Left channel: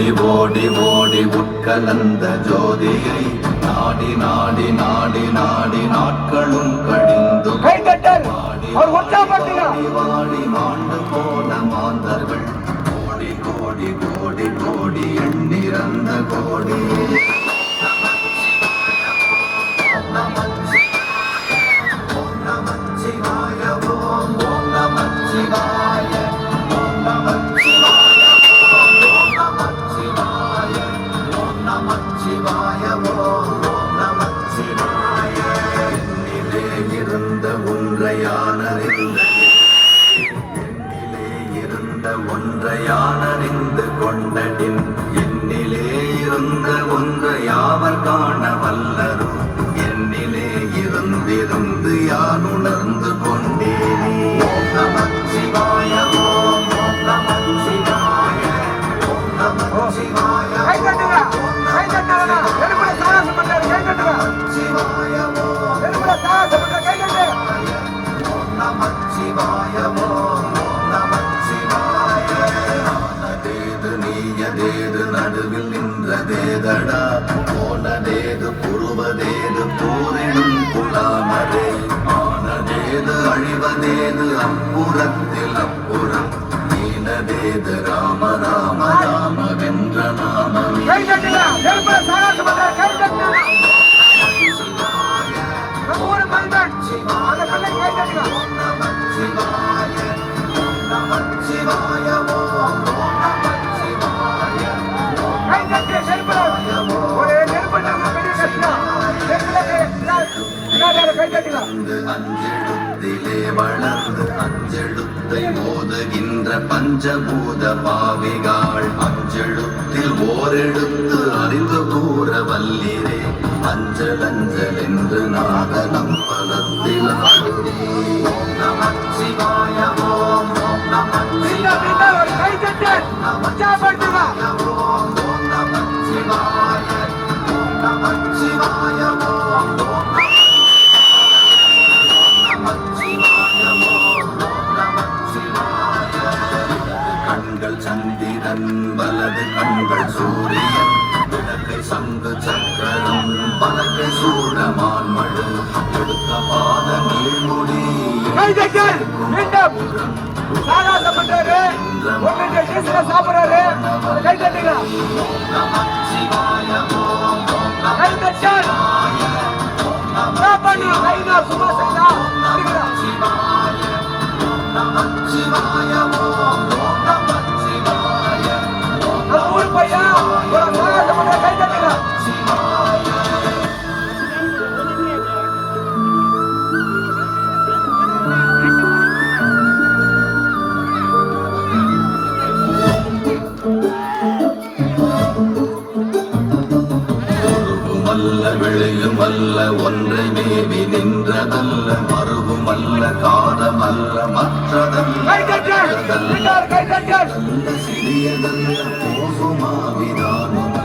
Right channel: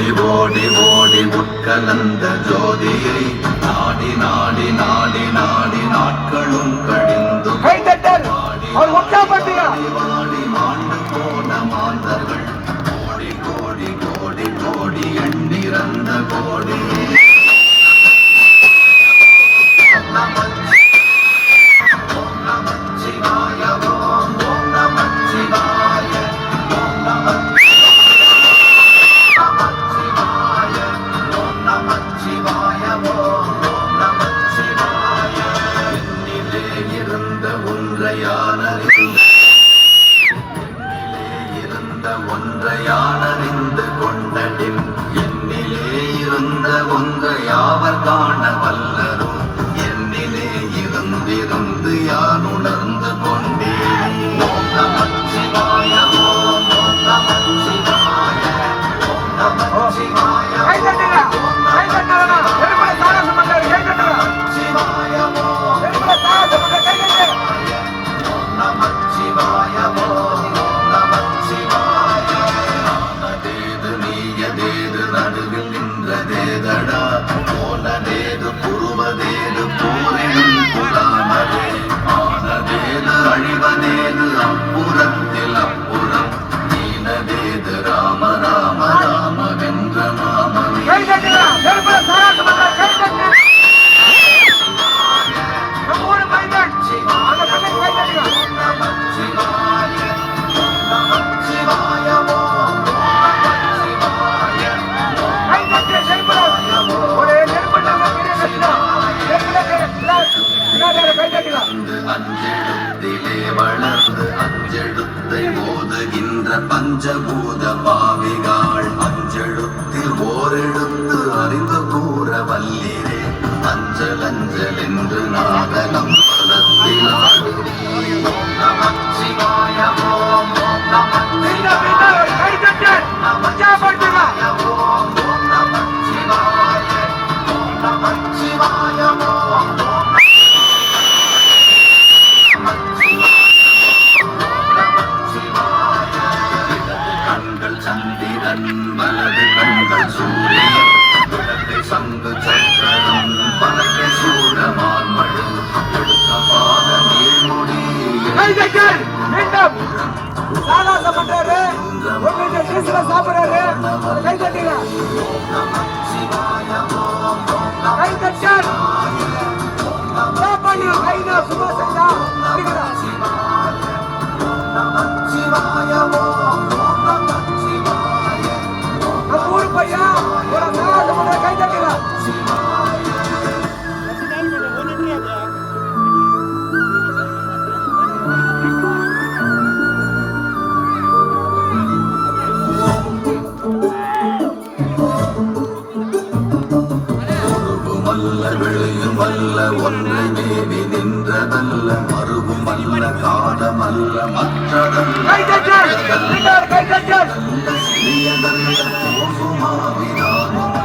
ஓடி ஓடி ஓடி உட்கலந்த ஜோதியை நாடி நாடி நாடி நாடி நாட்களும் கழிந்து வாடி மாண்டு போன மாந்தர்கள் கோடி கோடி கோடி கோடி எண்ணிறந்த கோடி ஒன்றையானறிந்து கொண்டடின் என்னிலே இருந்த ஒன்றையாவர் காண வல்லரும் என்னிலே இருந்திருந்து யான் உணர்ந்து கொண்டேன். ஓம் நமச்சிவாய ஓம் ஓம் நமச்சிவாய ஓம் நமச்சிவாய நடுவில் நின்றதேதடா போனதேது புருவதேது போரிடும் புலாமதே ஆனதேது அழிவதேது அப்புறத்தில் அப்புறம் நீனதேது ராம ராம ராம வென்ற மாமன் அஞ்செழுத்திலே வளர்ந்து அஞ்செழுத்தை மோதுகின்ற பஞ்சபூத பாவிகாள் அஞ்செழுத்தில் ஓரெழுத்து அறிந்து கூற வல்லிரே அஞ்சல் அஞ்சல் என்று நாகனம் பதத்தில் ஓம் நமச்சிவாய ஓம் ஓம் நமச்சிவாய ஓம் ஓம் நமச்சிவாய ஓம் நமச்சிவாய ஓம் சந்திரன் வலது கண்கள் சூரியன் விளக்கை சங்கு சக்கரம் பலகை சூரமான் மழு எடுத்த பாத நீழ்முடி வெளியும் அல்ல ஒன்றை மேவி நின்றதல்ல மறுவும் அல்ல காதமல்ல மற்றதல்ல சிறியதல்ல போகுமாவிதானும்